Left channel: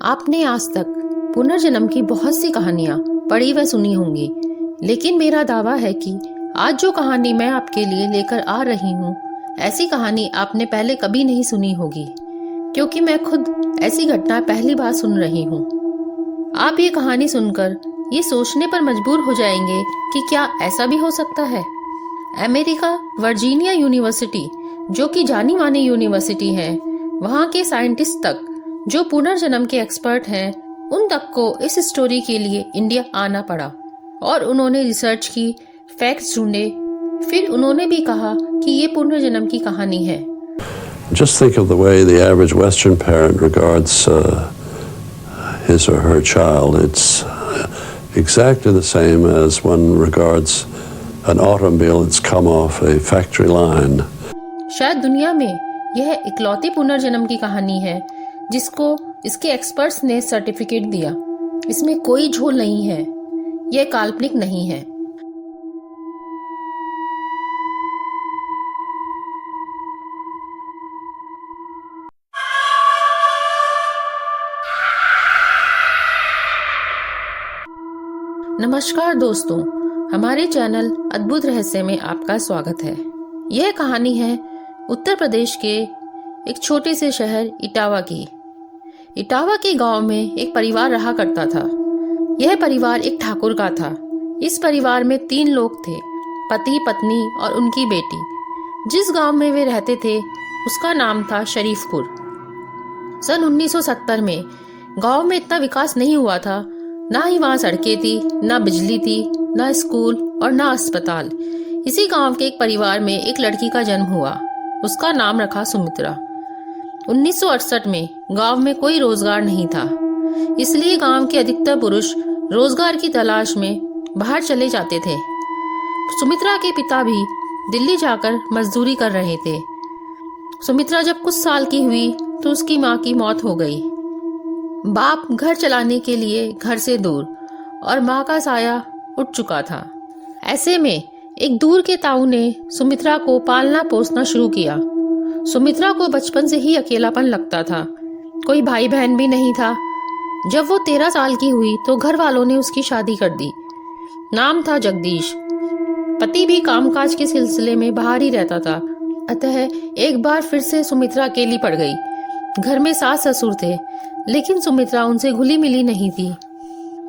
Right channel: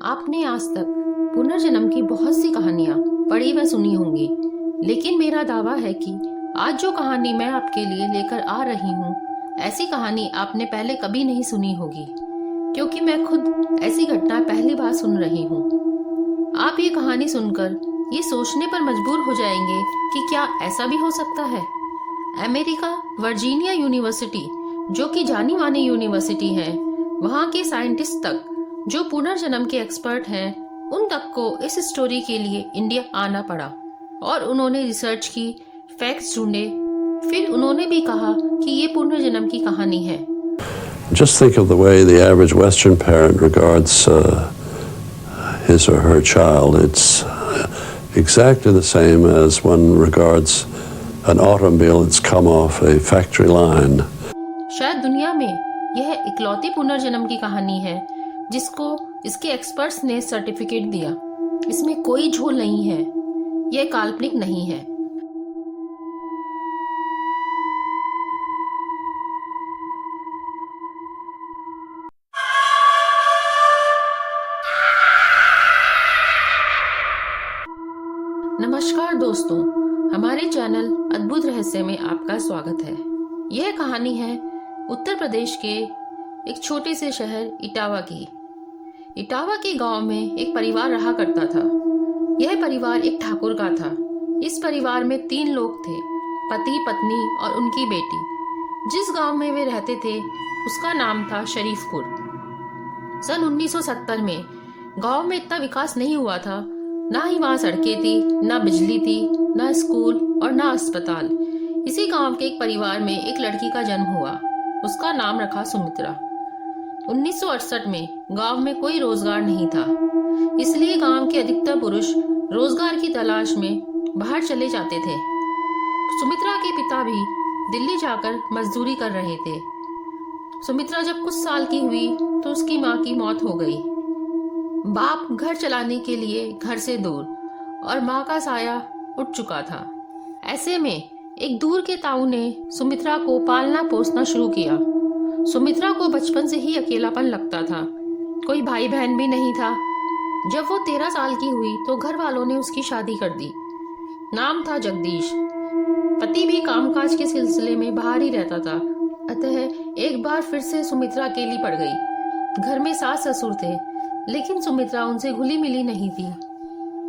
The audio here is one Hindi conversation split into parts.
आपने आज तक पुनर्जन्म की बहुत सी कहानियां पढ़ी व सुनी होंगी, लेकिन मेरा दावा है कि आज जो कहानी मैं आपके लिए लेकर आ रही हूँ, ऐसी कहानी आपने पहले कभी नहीं सुनी होगी, क्योंकि मैं खुद ऐसी घटना पहली बार सुन रही हूँ। आप ये कहानी सुनकर ये सोचने पर मजबूर हो जाएंगे कि क्या ऐसा भी हो सकता है। अमेरिका वर्जीनिया यूनिवर्सिटी, जो कि जानी मानी यूनिवर्सिटी है, वहाँ के साइंटिस्ट तक जो पुनर्जन्म के एक्सपर्ट हैं, उन तक को इस स्टोरी के लिए इंडिया आना पड़ा और उन्होंने रिसर्च की, फैक्ट्स ढूंढे, फिर उन्होंने भी कहा कि ये पुनर्जन्म की कहानी है। Just think of the way the average Western parent regards his or her child. It's exactly the same as one regards an automobile that's come off a factory line. शायद दुनिया में यह इकलौती पुनर्जन्म की कहानी है जिसको इसके एक्सपर्ट्स ने सर्टिफिकेट दिया। इसमें कोई झोल नहीं है, यह काल्पनिक नहीं है। नमस्कार दोस्तों, हमारे चैनल अद्भुत रहस्य में आपका स्वागत है। यह कहानी है उत्तर प्रदेश के एक छोटे से शहर इटावा की। इटावा के गांव में एक परिवार रहा करता था। यह परिवार एक ठाकुर का था। इस परिवार में 3 लोग थे, पति, पत्नी और उनकी बेटी। जिस गांव में वे रहते थे उसका नाम था शरीफपुर। सन 1970 में गांव में इतना विकास नहीं हुआ था। ना ही वहाँ सड़कें थी, ना बिजली थी, ना स्कूल और ना अस्पताल। इसी गांव के एक परिवार में एक लड़की का जन्म हुआ। उसका नाम रखा सुमित्रा। 1968 में गांव में कोई रोजगार नहीं था, इसलिए गांव के अधिकतर पुरुष रोजगार की तलाश में बाहर चले जाते थे। सुमित्रा के पिता भी दिल्ली जाकर मजदूरी कर रहे थे। सुमित्रा जब कुछ साल की हुई तो उसकी माँ की मौत हो गई। बाप घर चलाने के लिए घर से दूर और माँ का साया उठ चुका था। ऐसे में एक दूर के ताऊ ने सुमित्रा को पालना पोसना शुरू किया। सुमित्रा को बचपन से ही अकेलापन लगता था, कोई भाई बहन भी नहीं था। जब वो 13 साल की हुई तो घर वालों ने उसकी शादी कर दी। नाम था जगदीश। पति भी कामकाज के सिलसिले में बाहर ही रहता था, अतः एक बार फिर से सुमित्रा अकेली पड़ गई। घर में सास ससुर थे, लेकिन सुमित्रा उनसे घुली मिली नहीं थी।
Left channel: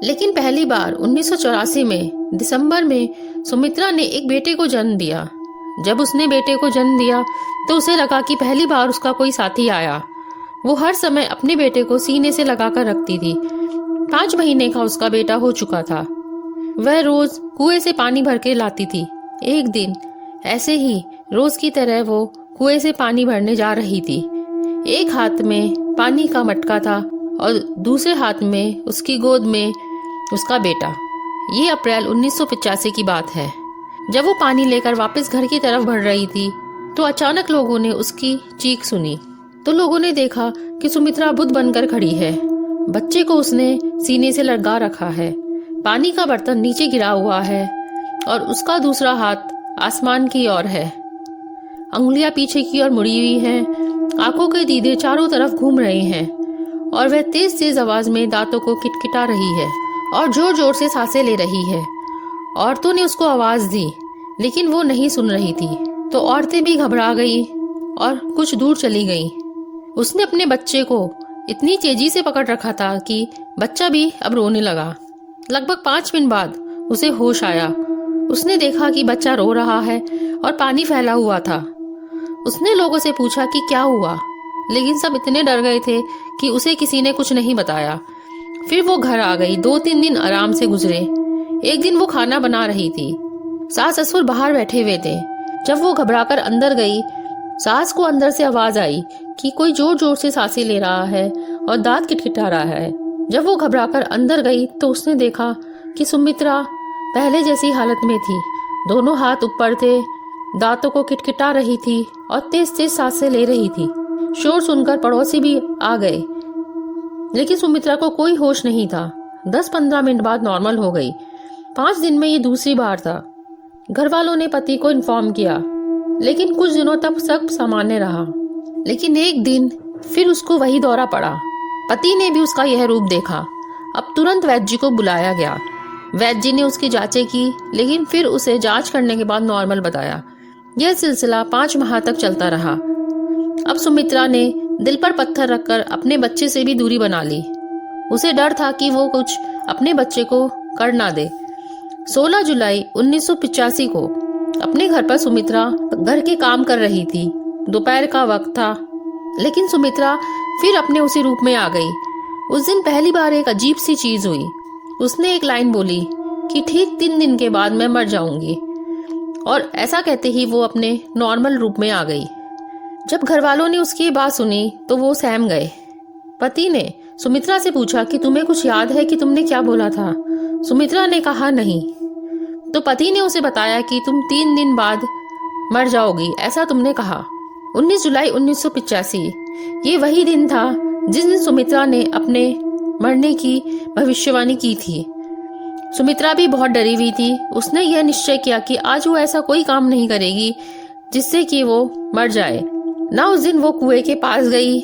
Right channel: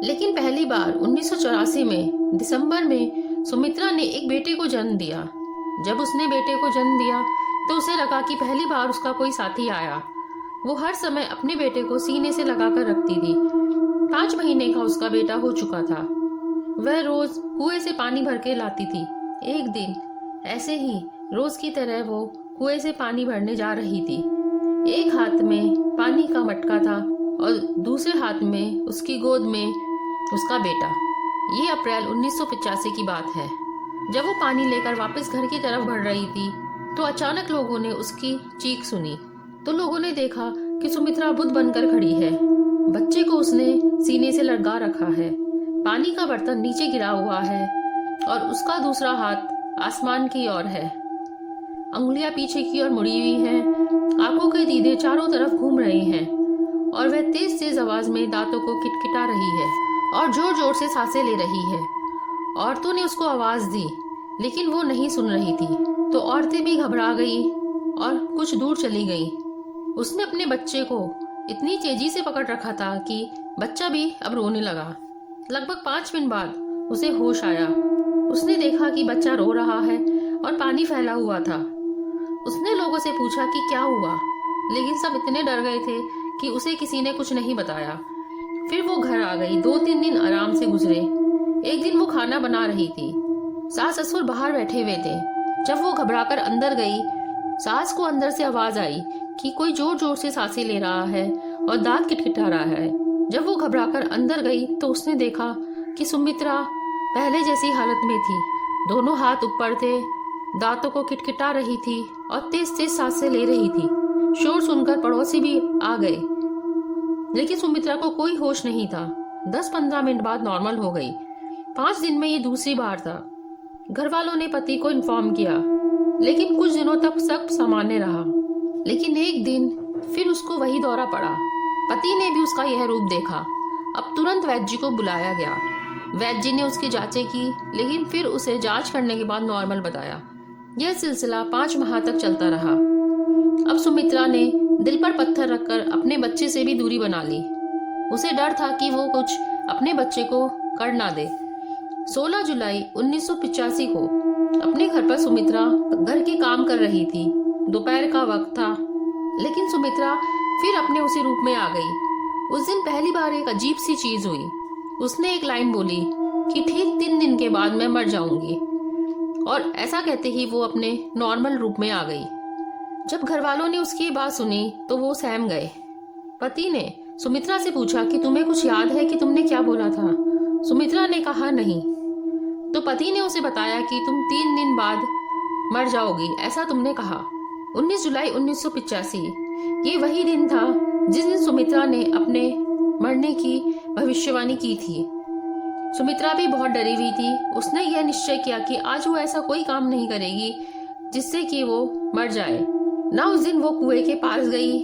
लेकिन पहली बार 1984 में दिसंबर में सुमित्रा ने एक बेटे को जन्म दिया। जब उसने बेटे को जन्म दिया तो उसे लगा कि पहली बार उसका कोई साथी आया। वो हर समय अपने बेटे को सीने से लगाकर रखती थी। 5 महीने का उसका बेटा हो चुका था। वह रोज कुएं से पानी भर के लाती थी। एक दिन ऐसे ही रोज की तरह वो कुएं से पानी भरने जा रही थी। एक हाथ में पानी का मटका था और दूसरे हाथ में उसकी गोद में उसका बेटा। ये अप्रैल 1985 की बात है। जब वो पानी लेकर वापस घर की तरफ बढ़ रही थी तो अचानक लोगों ने उसकी चीख सुनी। तो लोगों ने देखा कि सुमित्रा बुद्ध बनकर खड़ी है। बच्चे को उसने सीने से लटका रखा है। पानी का बर्तन नीचे गिरा हुआ है और उसका दूसरा हाथ आसमान की ओर है। अंगुलियां पीछे की ओर मुड़ी हुई हैं। आंखों के दीदे चारों तरफ घूम रहे हैं और वह तेज तेज आवाज में दांतों को किटकिटा रही है और जोर जोर से सांसें ले रही है। औरतों ने उसको आवाज दी, लेकिन वो नहीं सुन रही थी। तो औरतें भी घबरा गई और कुछ दूर चली गईं। उसने अपने बच्चे को इतनी तेजी से पकड़ रखा था कि बच्चा भी अब रोने लगा। लगभग 5 मिनट बाद उसे होश आया। उसने देखा कि बच्चा रो रहा है और पानी फैला हुआ था। उसने लोगों से पूछा कि क्या हुआ, लेकिन सब इतने डर गए थे कि उसे किसी ने कुछ नहीं बताया। फिर वो घर आ गई। 2-3 दिन आराम से गुजरे। एक दिन वो खाना बना रही थी। सास ससुर बाहर बैठे हुए थे। जब वो घबराकर अंदर गई, सास को अंदर से आवाज आई कि कोई जोर जोर से सांसें ले रहा है और दांत किटकिटा रहा है। जब वो घबराकर अंदर गई तो उसने देखा कि सुमित्रा पहले जैसी हालत में थी। दोनों हाथ ऊपर थे, दांतों को किटकिटा रही थी और तेज तेज सांसें ले रही थी। शोर सुनकर पड़ोसी भी आ गए, लेकिन सुमित्रा को कोई होश नहीं था। 10-15 मिनट बाद नॉर्मल हो गई। 5 दिन में ये दूसरी बार था। घर वालों ने पति को इन्फॉर्म किया, लेकिन कुछ दिनों तक सब सामान्य रहा। लेकिन एक दिन फिर उसको वही दौरा पड़ा। पति ने भी उसका यह रूप देखा। अब तुरंत वैद्य जी को बुलाया गया। वैद्य जी ने उसकी जांचें की, लेकिन फिर उसे जांच करने के बाद नॉर्मल बताया। यह सिलसिला 5 माह तक चलता रहा। अब सुमित्रा ने दिल पर पत्थर रखकर अपने बच्चे से भी दूरी बना ली। उसे डर था कि वो कुछ अपने बच्चे को कर ना दे। 16 जुलाई 1985 को अपने घर पर सुमित्रा घर के काम कर रही थी। दोपहर का वक्त था, लेकिन सुमित्रा फिर अपने उसी रूप में आ गई। उस दिन पहली बार एक अजीब सी चीज हुई। उसने एक लाइन बोली कि ठीक 3 दिन के बाद मैं मर जाऊंगी, और ऐसा कहते ही वो अपने नॉर्मल रूप में आ गई। जब घर वालों ने उसकी बात सुनी तो वो सहम गए। पति ने सुमित्रा से पूछा कि तुम्हें कुछ याद है कि तुमने क्या बोला था? सुमित्रा ने कहा नहीं। तो पति ने उसे बताया कि तुम 3 दिन बाद मर जाओगी, ऐसा तुमने कहा। 19 जुलाई 1985 ये वही दिन था जिस दिन सुमित्रा ने अपने मरने की भविष्यवाणी की थी। सुमित्रा भी बहुत डरी हुई थी। उसने यह निश्चय किया कि आज वो ऐसा कोई काम नहीं करेगी जिससे कि वो मर जाए। ना उस दिन वो कुएं के पास गई,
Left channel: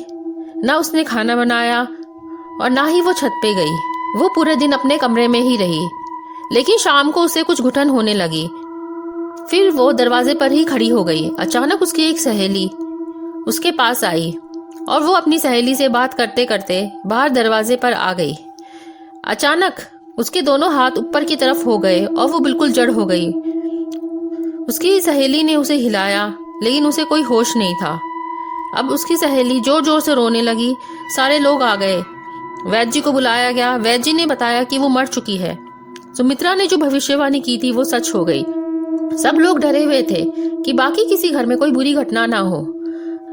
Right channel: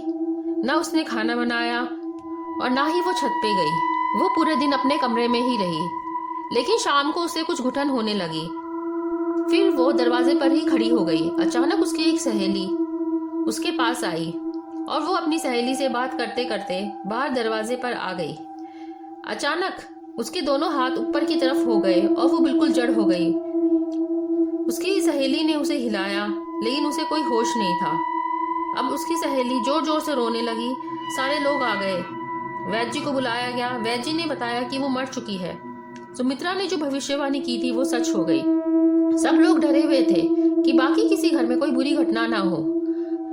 ना उसने खाना बनाया, और ना ही वो छत पे गई। वो पूरे दिन अपने कमरे में ही रही। लेकिन शाम को उसे कुछ घुटन होने लगी। फिर वो दरवाजे पर ही खड़ी हो गई। अचानक उसकी एक सहेली उसके पास आई और वो अपनी सहेली से बात करते करते बाहर दरवाजे पर आ गई। अचानक उसके दोनों हाथ ऊपर की तरफ हो गए और वो बिल्कुल जड़ हो गई। उसकी सहेली ने उसे हिलाया, लेकिन उसे कोई होश नहीं था। अब उसकी सहेली जोर जोर से रोने लगी। सारे लोग आ गए। वैद्य जी को बुलाया गया। वैद्य जी ने बताया कि वो मर चुकी है। सुमित्रा ने जो भविष्यवाणी की थी वो सच हो गई। सब लोग डरे हुए थे कि बाकी किसी घर में कोई बुरी घटना ना हो।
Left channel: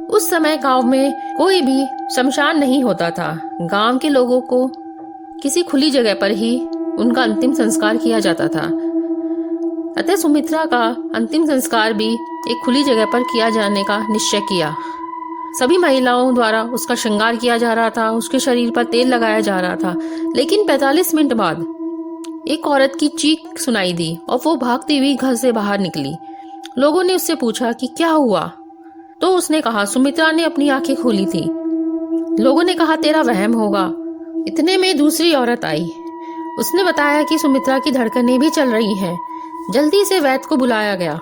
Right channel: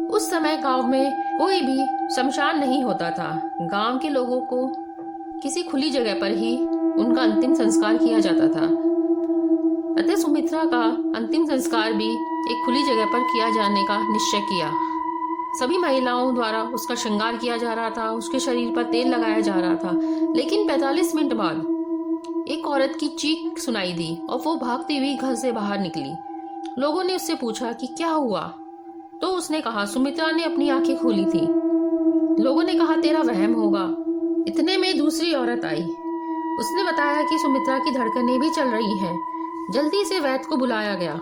उस समय गांव में कोई भी शमशान नहीं होता था। गांव के लोगों को किसी खुली जगह पर ही उनका अंतिम संस्कार किया जाता था। अतः सुमित्रा का अंतिम संस्कार भी एक खुली जगह पर किया जाने का निश्चय किया। सभी महिलाओं द्वारा उसका श्रृंगार किया जा रहा था, उसके शरीर पर तेल लगाया जा रहा था। लेकिन 45 मिनट बाद एक औरत की चीख सुनाई दी और वो भागती हुई घर से बाहर निकली। लोगों ने उससे पूछा कि क्या हुआ, तो उसने कहा सुमित्रा ने अपनी आंखें खोली थी। लोगों ने कहा तेरा वहम होगा। इतने में दूसरी औरत आई। उसने बताया कि सुमित्रा की धड़कनें भी चल रही हैं। जल्दी से वैद्य को बुलाया गया।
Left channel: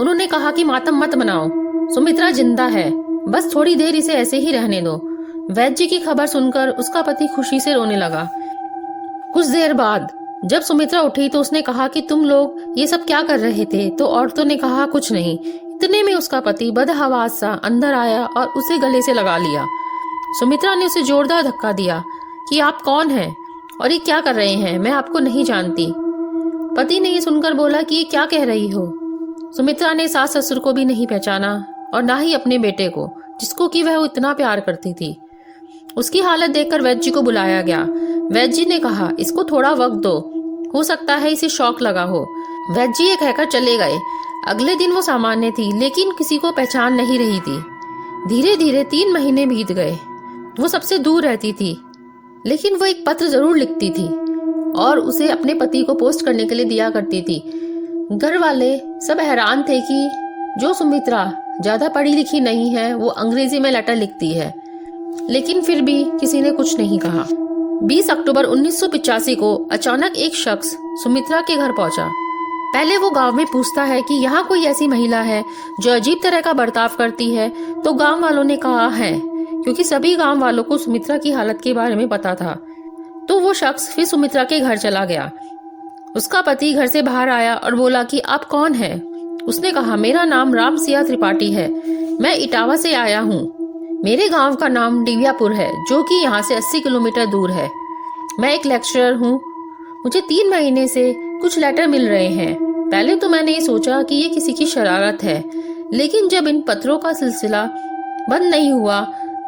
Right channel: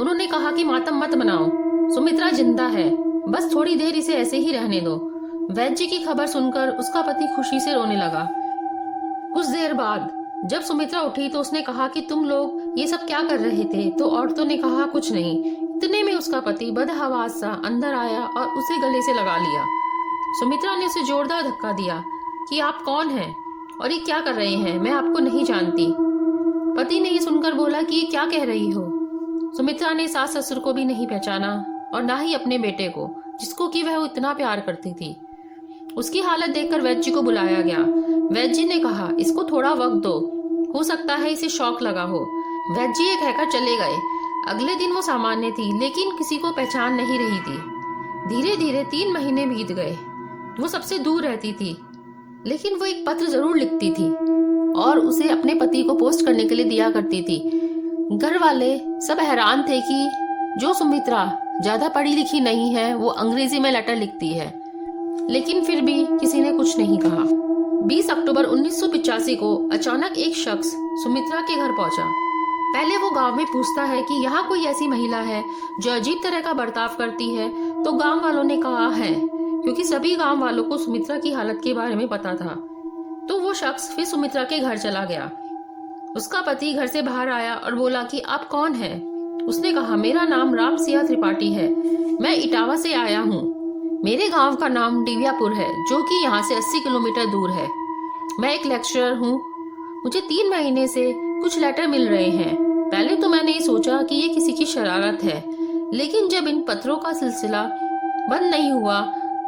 उन्होंने कहा कि मातम मत मनाओ, सुमित्रा जिंदा है, बस थोड़ी देर इसे ऐसे ही रहने दो। वैद्य जी की खबर सुनकर उसका पति खुशी से रोने लगा। कुछ देर बाद जब सुमित्रा उठी तो उसने कहा कि तुम लोग ये सब क्या कर रहे थे? तो औरतों ने कहा कुछ नहीं। इतने में उसका पति बदहवास सा अंदर आया और उसे गले से लगा लिया। सुमित्रा ने उसे जोरदार धक्का दिया कि आप कौन हैं और ये क्या कर रहे हैं? मैं आपको नहीं जानती। पति ने ये सुनकर बोला कि ये क्या कह रही हो? सुमित्रा ने सास ससुर को भी नहीं पहचाना और ना ही अपने बेटे को, जिसको कि वह इतना प्यार करती थी। उसकी हालत देखकर वैद्य जी को बुलाया गया। वैद्य जी ने कहा इसको थोड़ा वक्त दो, हो सकता है इसे शॉक लगा हो। वैद्य जी ये कहकर चले गए। अगले दिन वो सामान्य थी, लेकिन किसी को पहचान नहीं रही थी। धीरे धीरे 3 महीने बीत गए। वो सबसे दूर रहती थी, लेकिन वो एक पत्र जरूर लिखती थी और उसे अपने पति को पोस्ट करने के लिए दिया करती थी। घर वाले सब हैरान थे कि जो सुमित्रा ज्यादा पढ़ी लिखी नहीं है, वो अंग्रेजी में लेटर लिखती है, लेकिन फिर भी किसी ने कुछ नहीं कहा। 20 अक्टूबर 1985 को अचानक एक शख्स सुमित्रा के घर पहुंचा। पहले वो गांव में पूछता है कि यहाँ कोई ऐसी महिला है जो अजीब तरह का बर्ताव करती है, तो गांव वालों ने कहा है, क्योंकि सभी गांव वालों को सुमित्रा की हालत के बारे में पता था। तो वो शख्स फिर सुमित्रा के घर चला गया। उसका पति घर से बाहर आया और बोला कि आप कौन हैं? उसने कहा मेरा नाम रामसिया त्रिपाठी है, मैं इटावा से आया हूँ। मेरे गांव का नाम डिवियापुर है, जो कि यहाँ से 80 किलोमीटर दूर है। मैं एक लेक्चरर हूँ। मुझे 3 महीने से कुछ लेटर मिल रहे हैं। पहले तो मैंने ये सोचा कि ये किसी की शरारत है, लेकिन जब इन पत्रों का सिलसिला बंद नहीं हुआ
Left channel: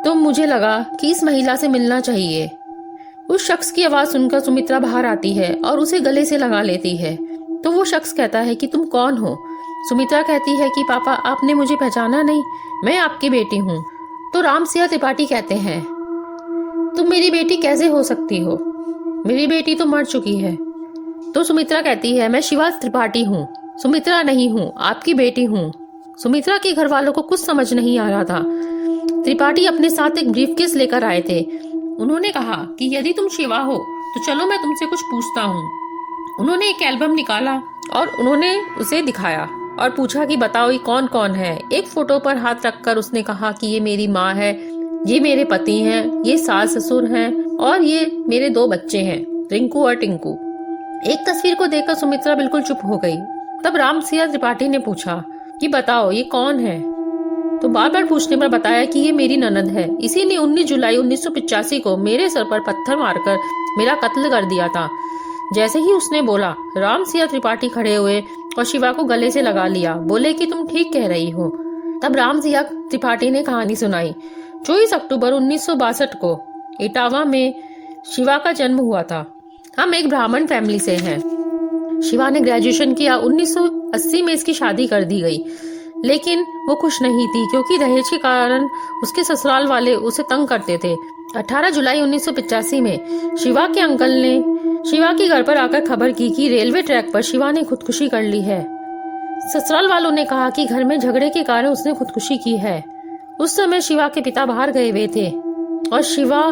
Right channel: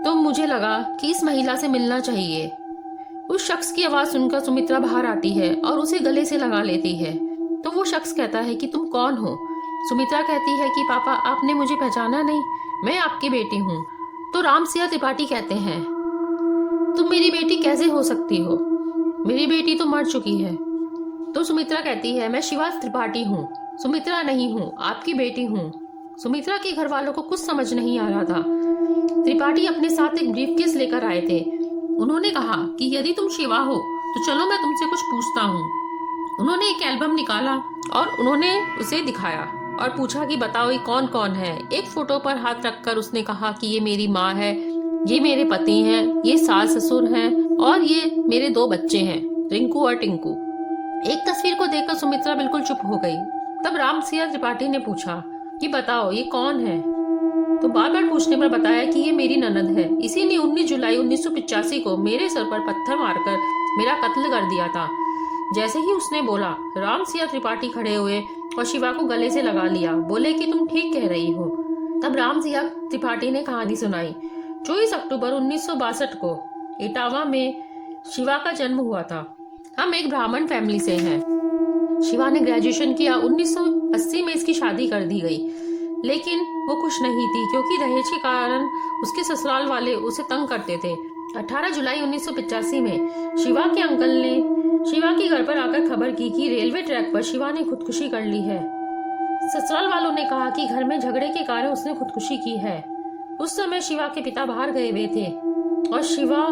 तो मुझे लगा कि इस महिला से मिलना चाहिए। उस शख्स की आवाज सुनकर सुमित्रा बाहर आती है और उसे गले से लगा लेती है। तो वो शख्स कहता है कि तुम कौन हो? सुमित्रा कहती है कि पापा आपने मुझे पहचाना नहीं, मैं आपकी बेटी हूँ। तो रामसिया त्रिपाठी कहते हैं तुम मेरी बेटी कैसे हो सकती हो? मेरी बेटी तो मर चुकी है। तो सुमित्रा कहती है मैं शिवा त्रिपाठी हूँ, सुमित्रा नहीं हूँ, आपकी बेटी हूँ। सुमित्रा के घर वालों को कुछ समझ नहीं आ रहा था। त्रिपाठी अपने साथ एक ब्रीफकेस लेकर आए थे। उन्होंने कहा कि यदि तुम शिवा हो तो चलो मैं तुमसे कुछ पूछता हूँ। उन्होंने एक एल्बम निकाला और उन्होंने उसे दिखाया और पूछा कि बताओ ये कौन कौन है। एक फोटो पर हाथ रखकर उसने कहा कि ये मेरी माँ है, ये मेरे पति हैं, ये सास ससुर हैं और ये मेरे 2 बच्चे हैं, रिंकू और टिंकू। एक तस्वीर को देखकर सुमित्रा बिल्कुल चुप हो गई। तब रामसिंह त्रिपाठी ने पूछा कि बताओ ये कौन है। तो बार बार पूछने पर बताया कि ये मेरी ननद है, इसी ने 19 जुलाई 1985 को मेरे सर पर पत्थर मारकर मेरा कत्ल कर दिया था। जैसे ही उसने बोला, रामसिंह त्रिपाठी खड़े हुए और शिवा को गले से लगा लिया, बोले कि तुम ठीक कह रही हो। तब रामसिंह त्रिपाठी ने कहानी सुनाई। 24 अक्टूबर 1962 को इटावा में शिवा का जन्म हुआ था। हम एक ब्राह्मण फैमिली से हैं। शिवा ने ग्रेजुएशन किया। 1980 में इसकी शादी कर दी गई, लेकिन वो खुश नहीं थी क्योंकि दहेज के कारण उसके ससुराल वाले उसे तंग करते थे। 18 जुलाई 1985 में शिवा के अंकल ने शिवा के घर पर आकर खबर की कि रेलवे ट्रैक पर शिवा ने खुदकुशी कर ली है। ससुराल वालों ने कहा कि घर में झगड़े के कारण उसने खुदकुशी की है। उस समय शिवा के पिता बाहर गए हुए थे और शिवा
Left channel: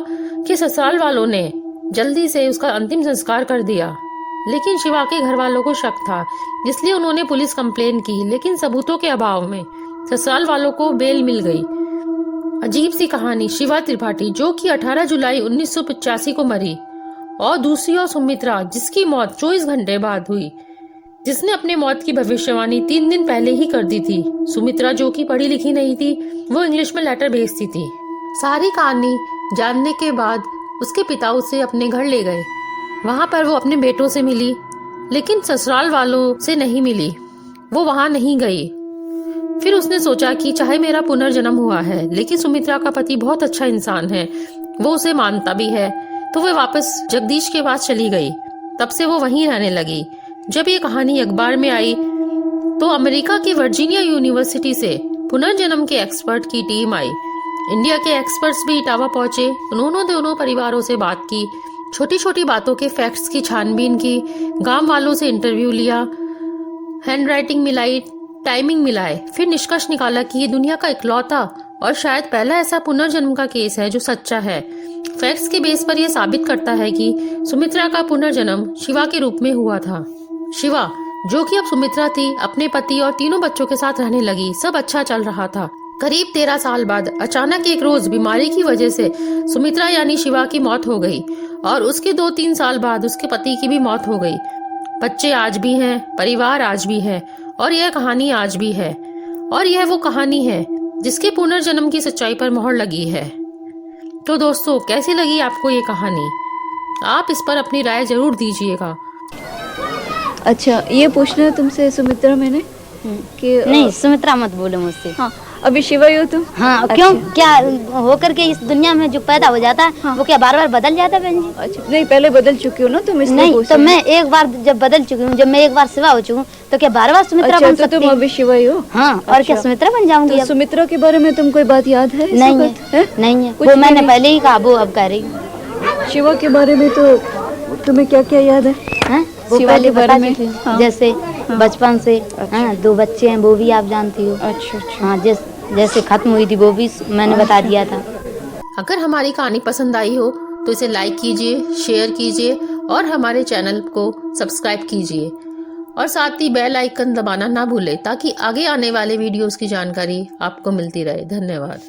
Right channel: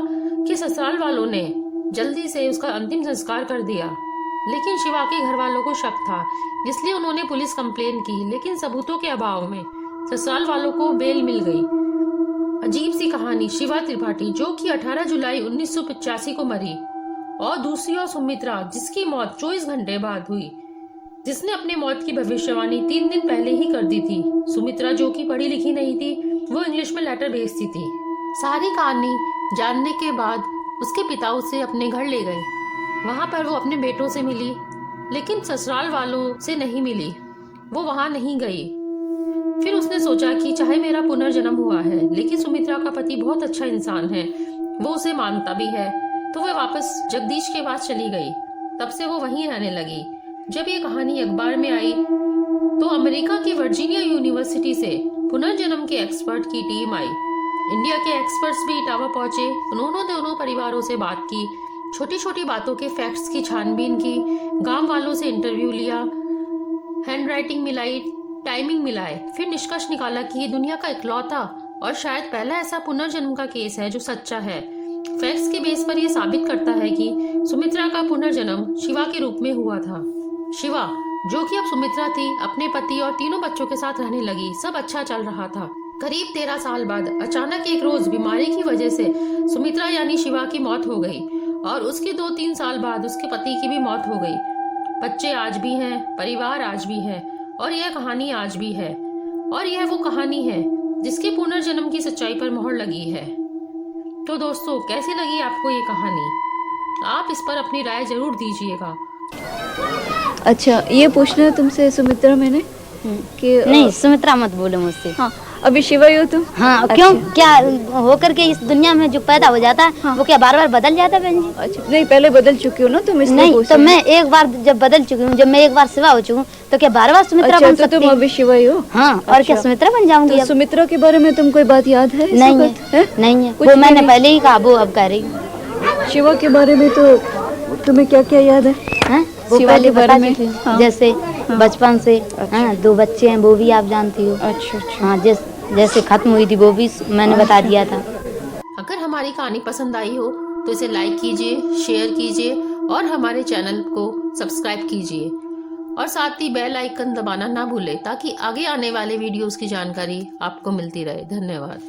के ससुराल वालों ने जल्दी से उसका अंतिम संस्कार कर दिया। लेकिन शिवा के घर वालों को शक था, इसलिए उन्होंने पुलिस कंप्लेन की, लेकिन सबूतों के अभाव में ससुराल वालों को बेल मिल गई। अजीब सी कहानी। शिवा त्रिपाठी जो कि 18 जुलाई 1985 को मरी और दूसरी ओर सुमित्रा जिसकी मौत 24 घंटे बाद हुई, जिसने अपने मौत की भविष्यवाणी 3 दिन पहले ही कर दी थी। सुमित्रा जो कि पढ़ी लिखी नहीं थी, वो इंग्लिश में लेटर भेजती थी। सारी कहानी जानने के बाद उसके पिता उसे अपने घर ले गए। वहां पर वो अपने बेटों से मिली, लेकिन ससुराल वालों से नहीं मिली। वो वहां नहीं गई। फिर उसने सोचा कि चाहे मेरा पुनर्जन्म हुआ है, लेकिन सुमित्रा का पति बहुत अच्छा इंसान है, वो उसे मानता भी है, तो वह वापस जगदीश के पास चली गई। तब से वो वहीं रहने लगी। जब ये कहानी अखबार में आई तो अमेरिका की वर्जीनिया यूनिवर्सिटी से पुनर्जन्म के एक्सपर्ट की टीम आई। इंडिया के एक्सपर्ट्स भी इटावा पहुंचे। उन्होंने दोनों परिवारों से बात की, छोटी छोटी बातों के फैक्ट्स की छानबीन की, गांव वालों से इंटरव्यू लिया, हैंडराइटिंग मिलाई, टाइमिंग मिलाए, फिर निष्कर्ष निकाला कि ये दुनिया का इकलौता और शायद पहला ऐसा पुनर्जन्म का केस है जो सच्चा है। फैक्ट्स के बेस पर यह साबित करता है कि सुमित्रा का पुनर्जन्म शिवा के रूप में हुआ था। शिवा जो कि अब सुमित्रा थी, अपने पति और 3 बच्चों के साथ रहने लगी। सब अच्छा चल रहा था। करीब 13 साल बाद अचानक एक रोज बीमारी की वजह से सुमित्रा यानी शिवा की मौत हो गई और उसके 2-3 साल बाद उसके पति की भी मौत हो गई। बच्चे आज भी हैं, परिवार आज भी है और यह कहानी आज भी है। और यह वो कहानी है जिसके पुनर्जन्म की सच्चाई पर मोहर लगी है। तो दोस्तों, कैसी लगी आपको ये कहानी? आप इस पर अपनी राय जरूर दीजिएगा। अच्छा, ये पूछना है तुमसे सुमित्रा मैंने कि नहीं, सुमित्रा मत बोलो मुझसे। हाँ, अभी शिवा ही हो तुम? हाँ, अच्छा। क्यों? क्या होकर के इस दुनिया में जो पैदा हो जाता है, हाँ। वो क्या बार बार बदल जाता है बहन जी? अच्छा, नहीं, पहले बदल चुकी हो ना तुम, इसलिए नहीं, पूछ तो रही मैं एक बार जब बदल चुकी हूँ, जब मैं एक बार शिवा हो चुकी हूँ, तो क्या बार बार सुमित्रा अच्छा, बन तो सकती तुम हूँ? अभी शिवा ही हो? हाँ, और अच्छा। क्या सुमित्रा बन जाऊंगी? तो सुमित्रा के बारे में तुम कोई बात याद है? नहीं है, नहीं है, वो मैंने पहले ही कहा, वो अब कह रही हूँ। शिवा के बारे में तो तुम्हें क्या क्या याद है? वो शिवा पहले के बारे बता में? चुकी हूँ, हाँ। जैसे बचपन से। हाँ, 2 बच्चे हैं, वो भी आप जानती हो। अच्छा अच्छा। हाँ, जैसे खत्म हुई थी वो भी मैंने बता दिया था। अगर हमारी कहानी पसंद आई हो तो इसे लाइक कीजिए, शेयर कीजिए और हमारे चैनल को सब्सक्राइब कीजिए और साथ ही बेल आइकन दबाना ना भूलें ताकि आगे आने वाले वीडियोस की जानकारी आपको मिलती रहे। धन्यवाद।